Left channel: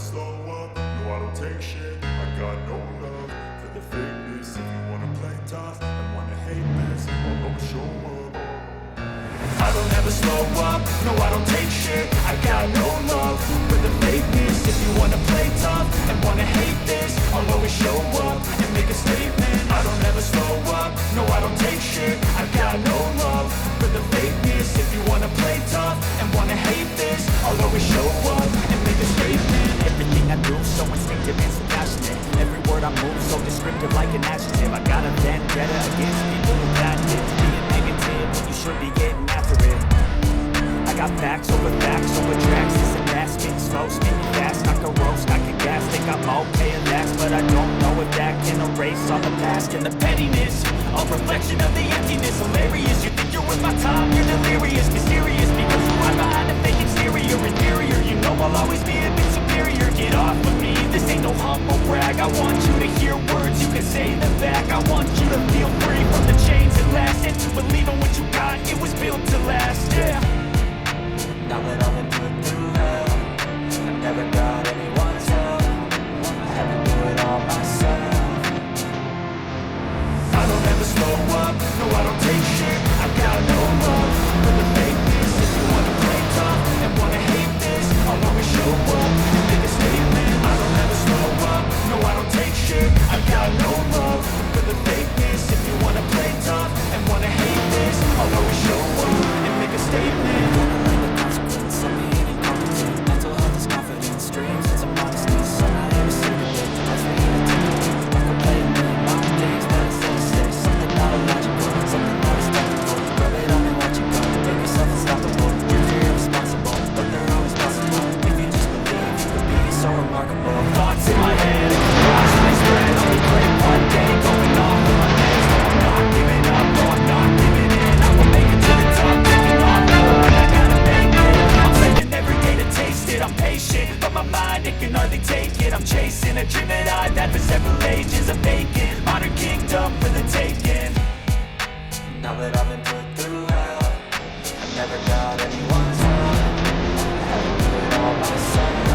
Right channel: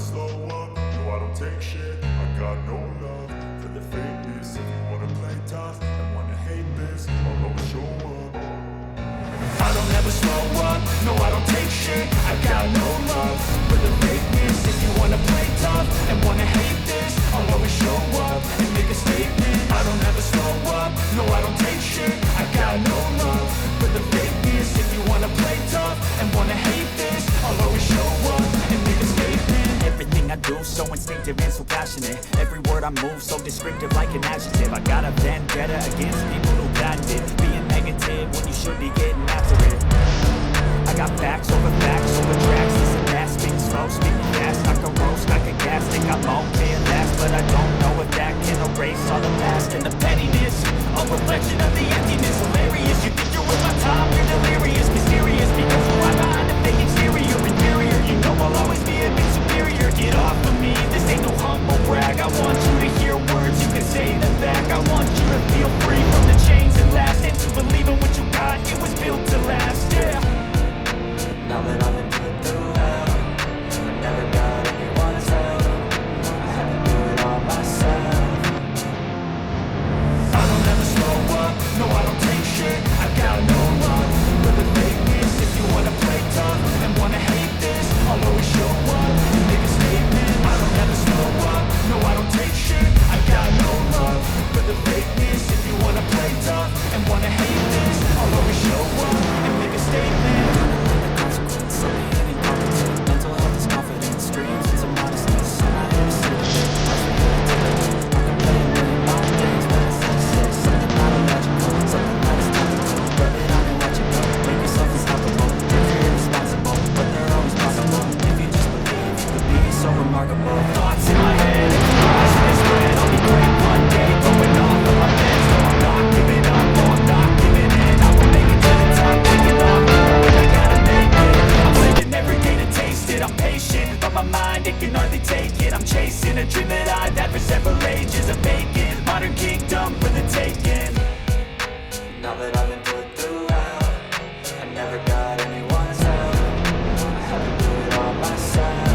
slow up, no I don't take shit. I got no love for the fakeness. If you wanna play tough and wanna hate this, I'll always show up. I don't ever slow up, no I don't take shit. I got no love for the fakeness. If you wanna play tough and wanna hate this, I'll always show up and make a statement. I don't ever slow up, no I don't take shit. I got no love for the fakeness. If you wanna play tough and wanna hate this, I'll always show up and make a statement. Everything I do so instinctive and so passionate. Every word I move so descriptive like an adjective. I got a vendetta against people who patented being negative when you should be getting after it. I got facts over tracks. This and that, spitting slow, spitting fast. I can roast, I can gas. Think I'm okay at last, but I don't know if that can erase all the mask and the pettiness. A reflection of the emptiness. Hilarious, you think you're worth my time. You're delirious, mysterious, because who I'm behind a fake exterior. Inferior, you know I'll always be a bit superior. Get off of me, this ain't no humble brag. I want you to hear words, you can say them back. I want you to feel free from the chains at last, and to believe in what you got, it was built to last, yeah. Now that I've been put through hell, I never got anyone's help. I had to do it all myself. I don't ever slow up, no I don't take shit. I got no love for the fakeness. If you wanna play tough and wanna hate this, I'll always show up and make a statement. I don't ever slow up, no I don't take shit. I got no love for the fakeness. If you wanna play tough and wanna hate this, I'll always show up and make a statement. Gonna learn the consequence of being incompetent. Mental health is confidence, dreams and some modestness. I'm not here to save the day, that's for you to take away. I could play a million mind games, but instead of say something not illogical, something that is technical. Rub it on and let you go, make yourself unstoppable. You're irresponsible, but they're always possible. If you just believe, you could be so remarkable. Thoughts in my head, and constantly spread. I'll be great one day, going off of my meds. No, I'm not giving up, no, I'm not giving in. I will make it to the top, taking off the road. I gotta make it. I'm living every day to taste it. I'm patient, but my mind, it can hardly take it. I'm chasing a dream that I've had for several ages. A vacant modern kingdom for the taking. Now that I've been put through hell, I never got anyone's help. I had to do it all myself.